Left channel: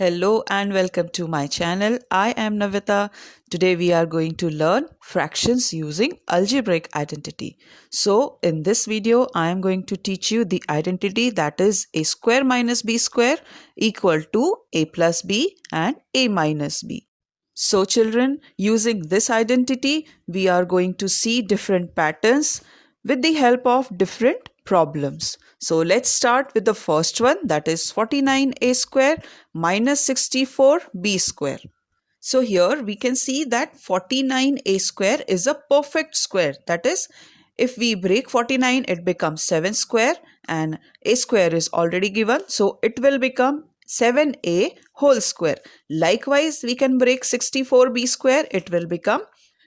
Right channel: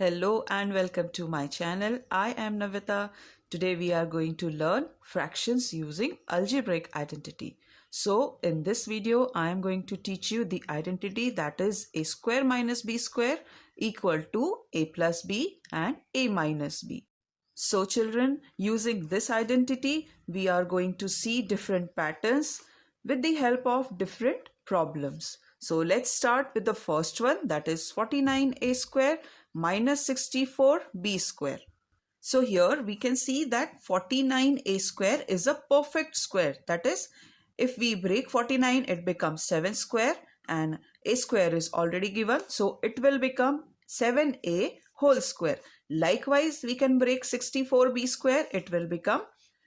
Hello and welcome to my channel. I am Navita. Today we are going to learn fractions using algebraic identity. So in this video, I am going to teach you the identity that is a square minus b square equal to a plus b and a minus b. So children, using this identity, we are going to see different patterns with the help of different problems. So let's start with the first one, that is 49a square minus 64b square. So here we can see that 49a square is a perfect square. That is, if we break 49, it becomes 7 square and a square is already given. So it will become 7a whole square. Likewise, we can break 64b square. It will become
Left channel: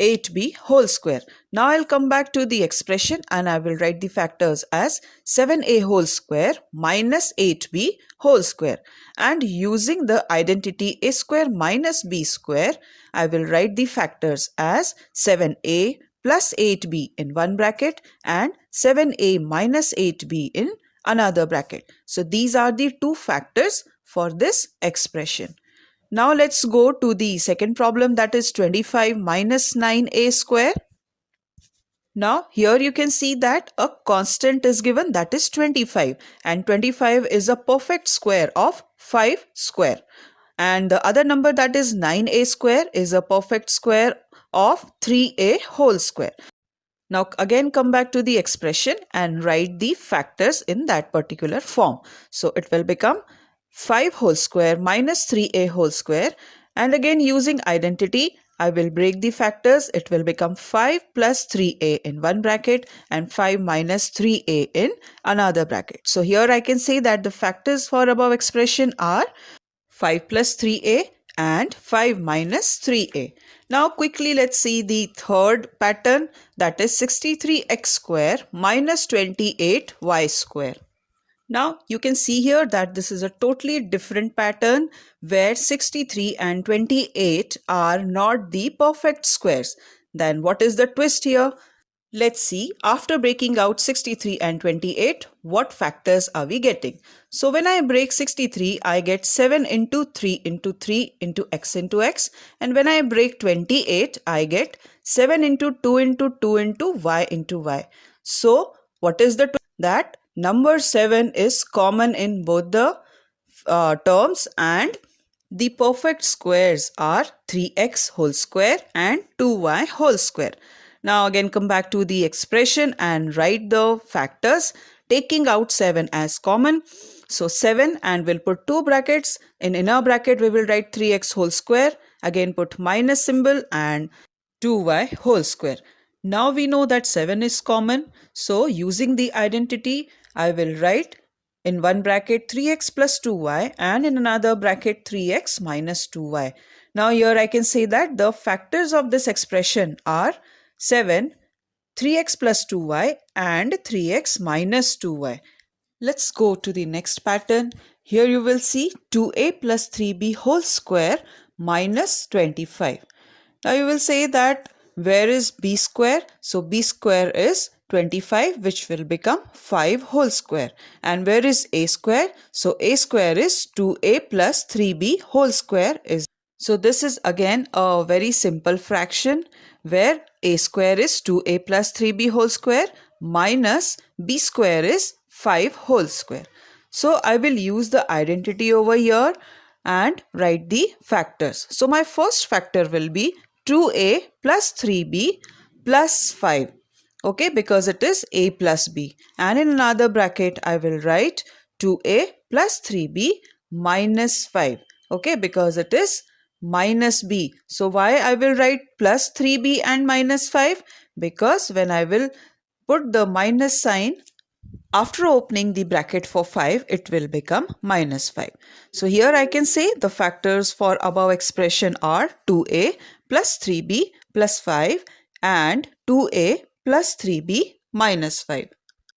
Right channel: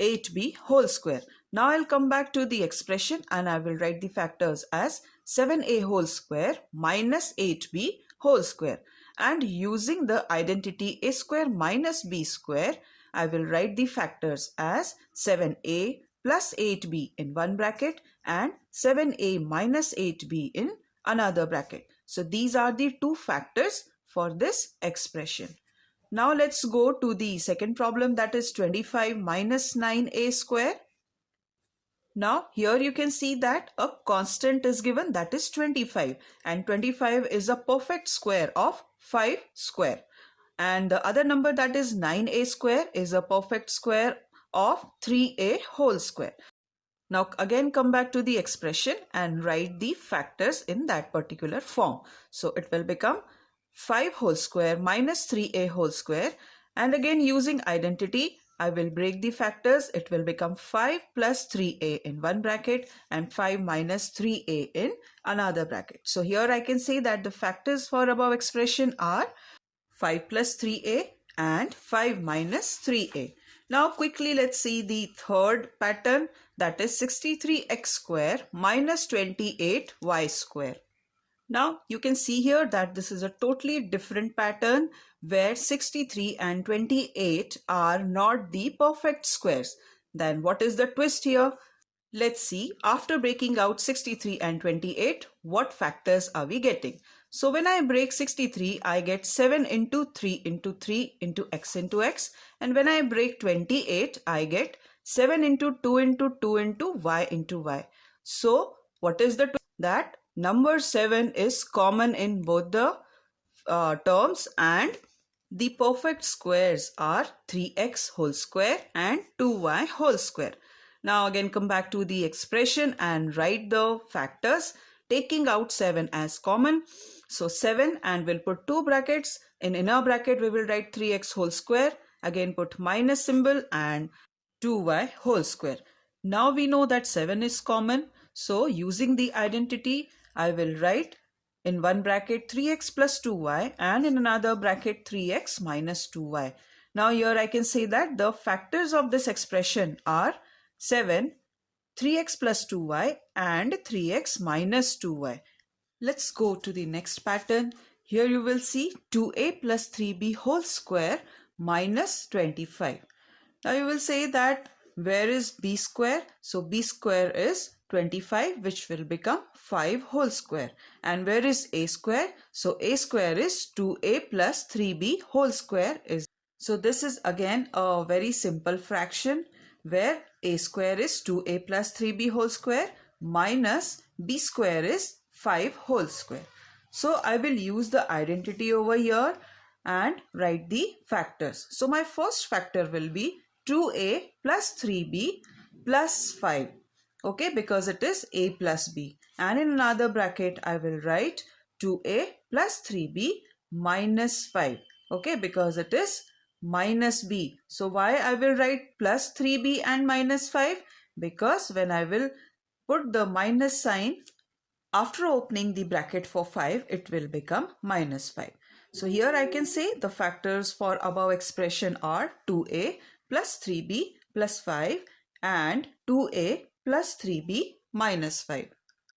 8b whole square. Now I'll come back to the expression and I will write the factors as 7a whole square minus 8b whole square. And using the identity a square minus b square, I will write the factors as 7a plus 8b in one bracket and 7a minus 8b in another bracket. So these are the two factors for this expression. Now let's go to the second problem, that is 25 minus 9a square. Now here you can see that a constant is given, that is 25, and 25 is a perfect square of 5 square. And the other number, that is 9a square, is a perfect square of 3a whole square. Now again come back to the expression and write the factors in that particular form. So it will become 5 whole square minus 3a whole square, and again using identity I will break the factors. It will become 5 plus 3a in one bracket and 5 minus 3a in another bracket. So here I can say that the factors for above expression are 5 plus 3a and 5 minus 3a. Now quickly let's see the third pattern, that is 63x square minus 28y square. Now you can see here that this is a totally different pattern where 63 and 28 are not the perfect squares. Then what is the twist here? Let's see, after breaking out 63 and 28, what factors are we getting? So when I break 63, I get 7 into 3 into 3 into x into x. And when I break 28, I get 7 into 2 into 2 into y into y. So what is the twist? That number 7 is common in both the terms, and the perfect squares are 3x whole square and 2y whole square. Now again come back to the expression and write the factors taking out 7 as common. So 7, and we'll put two brackets. In inner bracket we will write 3x whole square. Again put minus symbol and 2y whole square. Now we know that 7 is common. So using the identity I will write in one bracket 3x plus 2y and in another bracket 3x minus 2y. Now here I can say that the factors of this expression are 7, 3x plus 2y and 3x minus 2y. Let's go to the next pattern. Here you will see 2a plus 3b whole square minus 25. Now you will say that where is b square? So b square is 25, which will become 5 whole square. And where is a square? So a square is 2a plus 3b whole square is. So this is again a very simple fraction where a square is 2a plus 3b whole square minus b square is 5 whole square. So I will use the identity over here and write the factors. So my first factor will be 2a plus 3b plus 5. Okay, because it is a plus b. And in another bracket I will write 2a plus 3b minus 5. Okay, because it is minus b. So why I will write plus 3b and minus 5? Because when I will put the minus sign after opening the bracket for 5, it will become minus 5. So here I can say the factors for above expression are 2a plus 3b plus 5 and 2a plus 3b minus 5.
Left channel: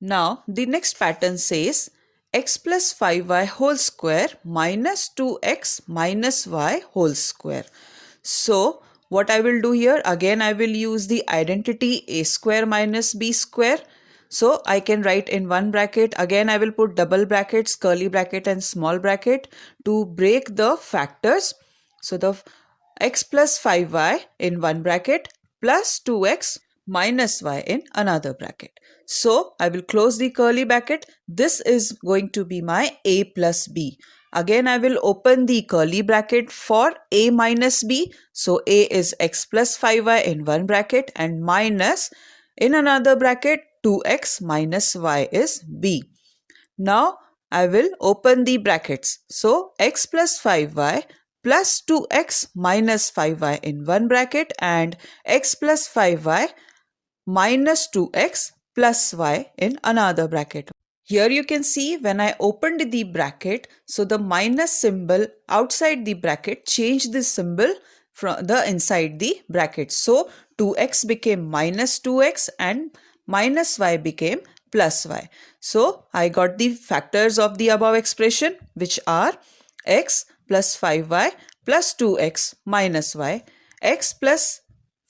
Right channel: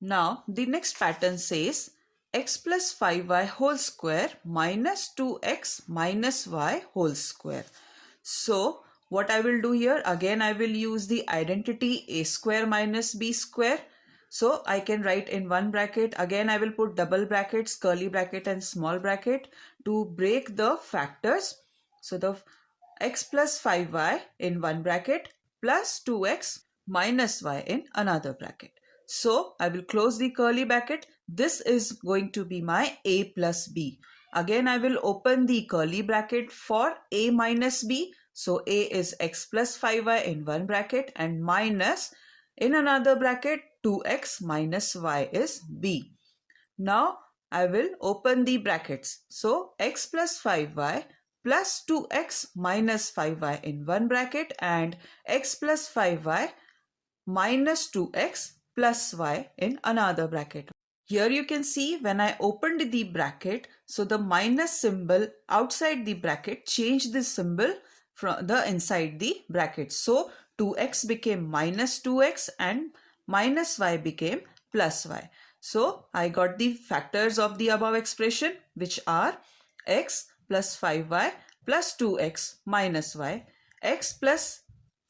Now the next pattern says x plus 5y whole square minus 2x minus y whole square. So what I will do here, again I will use the identity a square minus b square. So I can write in one bracket. Again, I will put double brackets, curly bracket and small bracket to break the factors. So the x plus 5y in one bracket plus 2x minus y in another bracket. So I will close the curly bracket. This is going to be my a plus b. Again, I will open the curly bracket for a minus b. So a is x plus 5y in one bracket and minus in another bracket 2x minus y is b. Now I will open the brackets. So x plus 5y plus 2x minus 5y in one bracket and x plus 5y minus 2x plus y in another bracket. Here you can see when I opened the bracket, so the minus symbol outside the bracket changed the symbol from the inside the bracket. So 2x became minus 2x and minus y became plus y. So I got the factors of the above expression, which are x plus 5y plus 2x minus y, x plus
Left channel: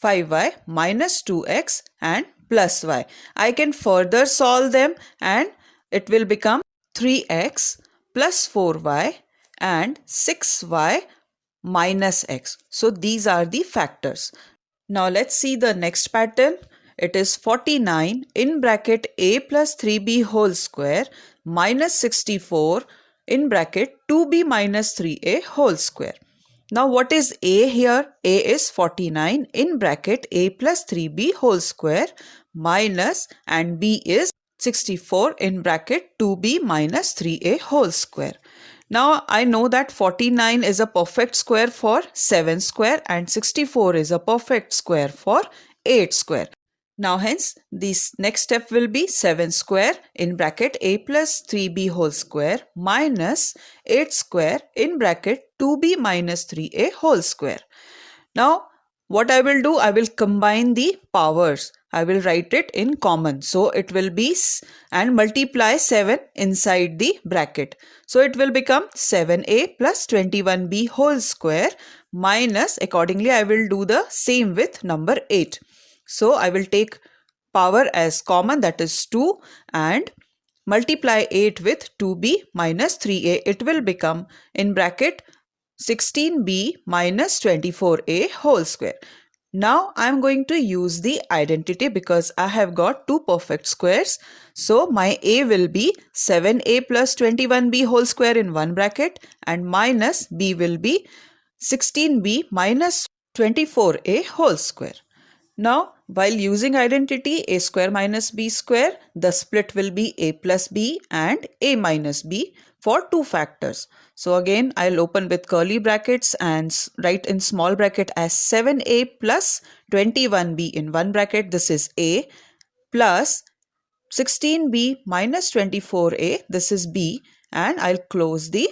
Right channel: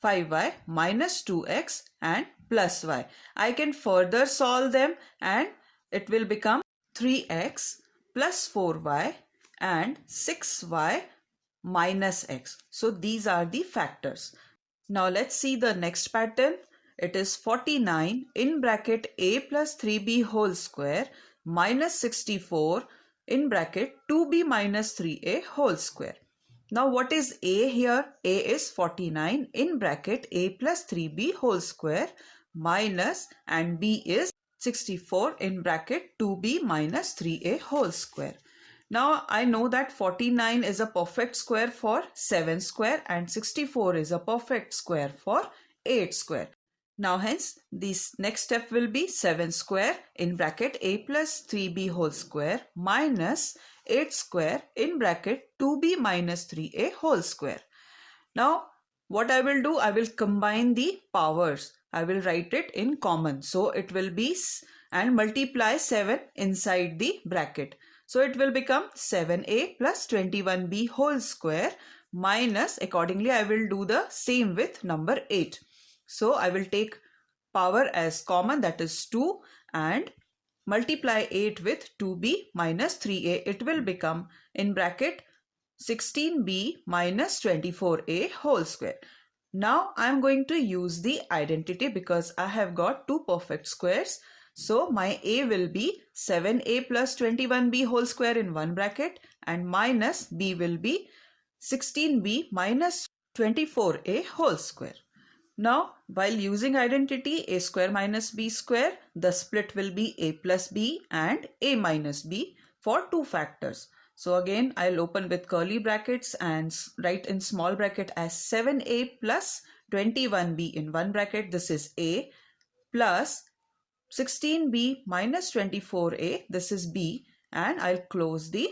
5y minus 2x and plus y. I can further solve them and it will become 3x plus 4y and 6y minus x. So these are the factors. Now let's see the next pattern. It is 49 in bracket a plus 3b whole square minus 64 in bracket 2b minus 3a whole square. Now what is a here? A is 49 in bracket a plus 3b whole square minus and b is 64 in bracket 2b minus 3a whole square. Now I know that 49 is a perfect square for 7 square and 64 is a perfect square for 8 square. Now hence this next step will be 7 square in bracket a plus 3b whole square minus 8 square in bracket 2b minus 3a whole square. Now what I will do, I will combine the powers. I will write it in common. So it will be and multiply 7 inside the bracket. So it will become 7a plus 21b whole square minus, accordingly I will do the same with number 8. So I will take power as common, that is 2, and multiply 8 with 2b minus 3a. It will become in bracket 16b minus 24a whole square. Now I am going to use the identity because I have got two perfect squares. So my a will be 7a plus 21b whole square in one bracket and minus b will be 16b minus 24a whole square. Now, while using identity a square minus b square, the split will be a plus b and a minus b for two factors. So again, I'll open with curly brackets and write in small bracket as 7a plus 21b in one bracket. This is a plus 16b minus 24a. This is b, and I'll close the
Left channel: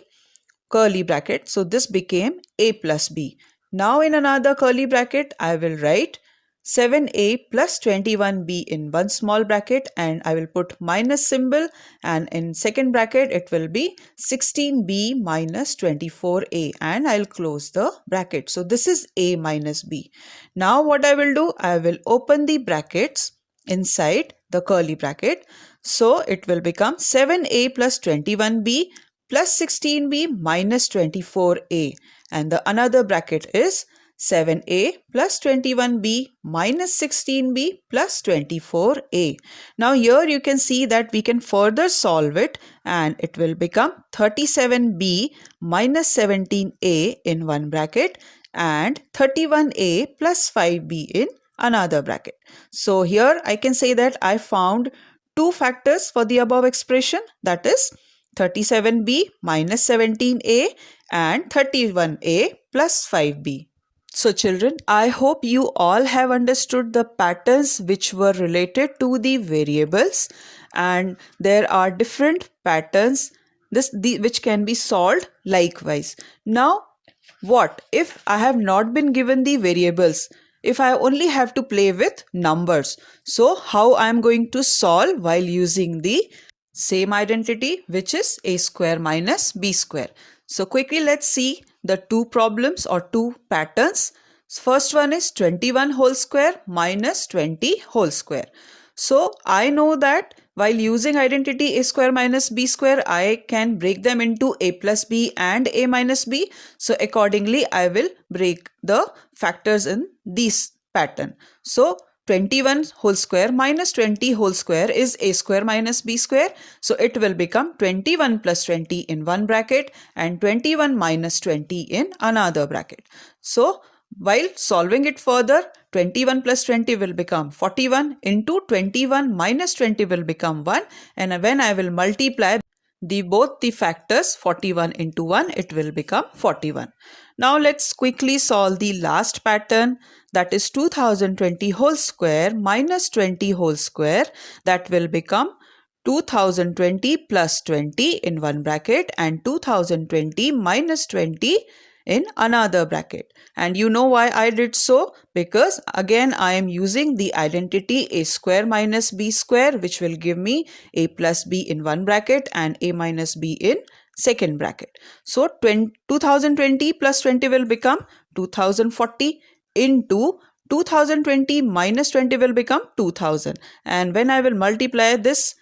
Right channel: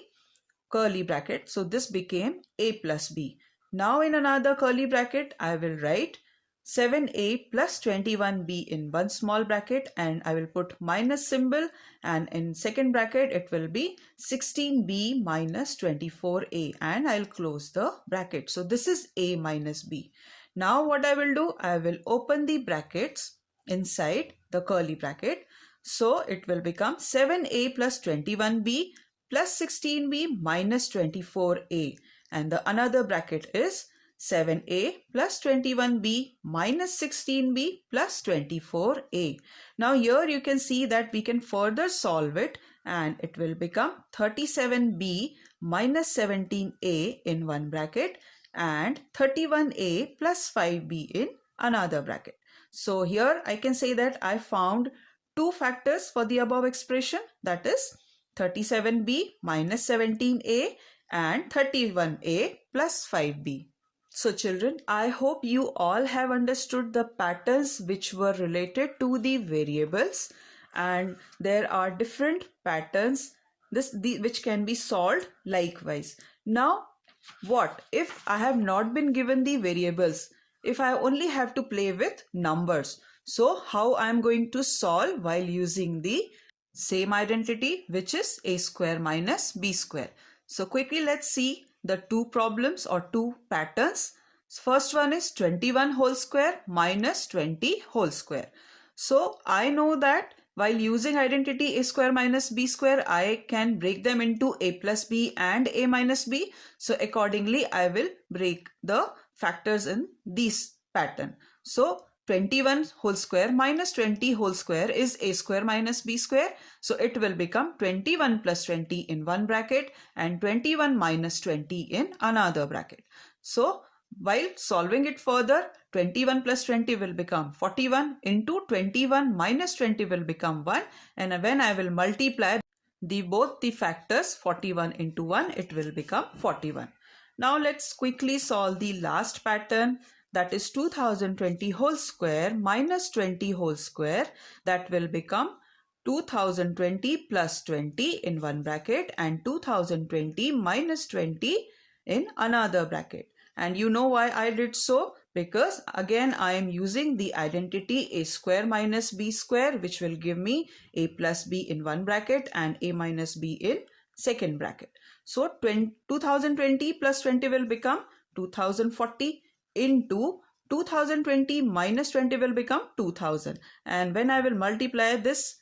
curly bracket. So this became a plus b. Now in another curly bracket, I will write 7a plus 21b in one small bracket and I will put minus symbol, and in second bracket it will be 16b minus 24a and I'll close the bracket. So this is a minus b. Now what I will do, I will open the brackets inside the curly bracket. So it will become 7a plus 21b plus 16b minus 24a, and the another bracket is 7a plus 21b minus 16b plus 24a. Now here you can see that we can further solve it and it will become 37b minus 17a in one bracket and 31a plus 5b in another bracket. So here I can say that I found two factors for the above expression, that is 37b minus 17a and 31a plus 5b. So children, I hope you all have understood the patterns which were related to the variables, and there are different patterns which can be solved likewise. Now what if I have not been given the variables? If I only have to play with numbers, so how I am going to solve while using the same identity, which is a square minus b square. So quickly let's see the two problems or two patterns. First one is 21 whole square minus 20 whole square. So I know that while using identity a square minus b square, I can break them into a plus b and a minus b. So accordingly, I will break the factors in this pattern. So 21 whole square minus 20 whole square is a square minus b square. So it will become 21 plus 20 in one bracket and 21 minus 20 in another bracket. So while solving it further, 21 plus 20 will become 41 into 21 minus 20 will become 1, and when I will multiply both the factors 41 into 1, it will become 41. Now let's quickly solve the last pattern, that is 2020 whole square minus 20 whole square. That will become 2020 plus 20 in one bracket and 2020 minus 20 in another bracket. And you know why I did so? Because again I am using the identity a square minus b square, which will give me a plus b in one bracket and a minus b in second bracket. So 2020 plus 20 will become 2040 into 2020 minus 20 will become 2000. And when I will multiply this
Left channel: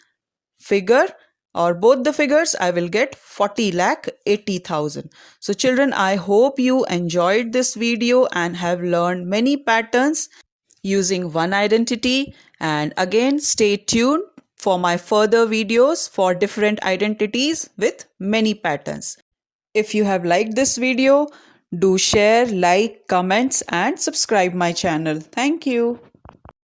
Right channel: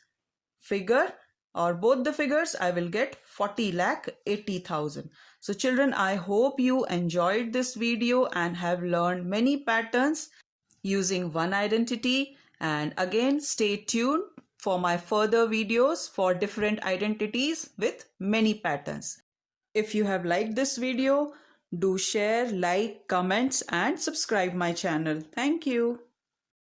figure or both the figures, I will get 40,80,000. So children, I hope you enjoyed this video and have learned many patterns using one identity. And again, stay tuned for my further videos for different identities with many patterns. If you have liked this video, do share, like, comments and subscribe my channel. Thank you.